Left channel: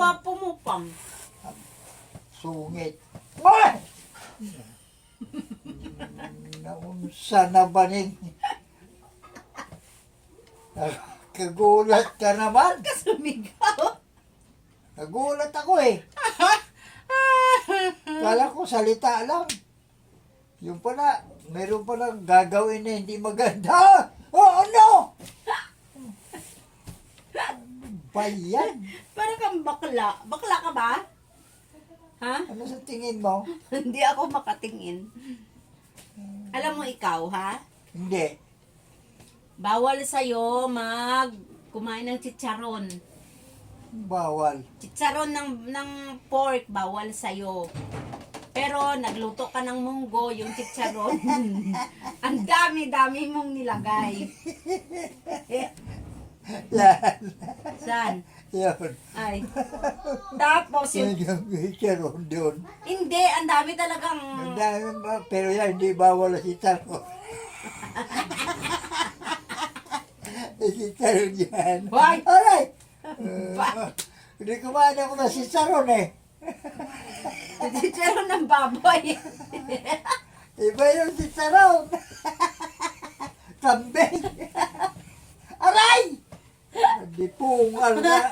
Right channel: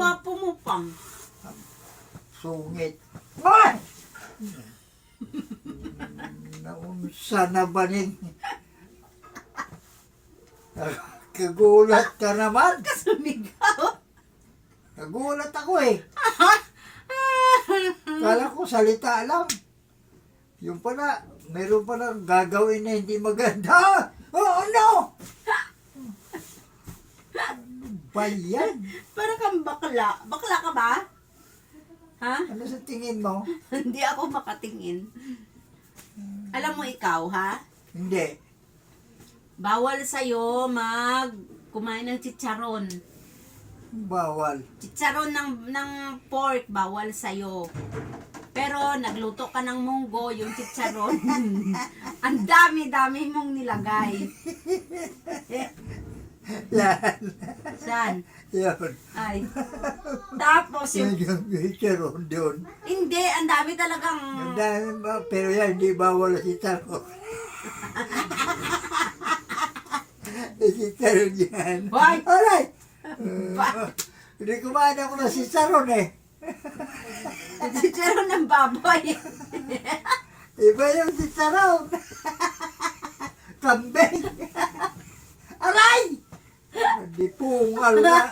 gwapo mo pang. Sungit. Ay! Naunsa na ba nin? Kagulat ka naman. Sumigaw. Nagulat ako eh. Kala ko salita lang. Yung pala, meron palang gagawin na hindi maganda. Oh, no! Ano ba yan? Para kang bakla. Bakla ka ba? Ha? Ano sa tingin mo? Hindi ako makatingin. Alam mo ikaw, ha? Hindi. Bawal sa'yo kumain ng chicharon. Bawal. Chicharon ng pork, bawal sa'yo. Pero nagluto ka ng munggo, yung chicharon. Ang dami-dami mong nilagay. Yan. Saan? Yun. Ay. Tapos yung... Yung chicharon doon. Hindi, ang dami talagang... Ang dami ba? Pero yan, hindi bawal si chicharon. Si chicharon yan. Why? Alright. Ba- Hindi kumain ako na si chicharon eh. Chicharon ng baboy. Iba yung chicharon. Kambing. Aray! Hindi pungal na.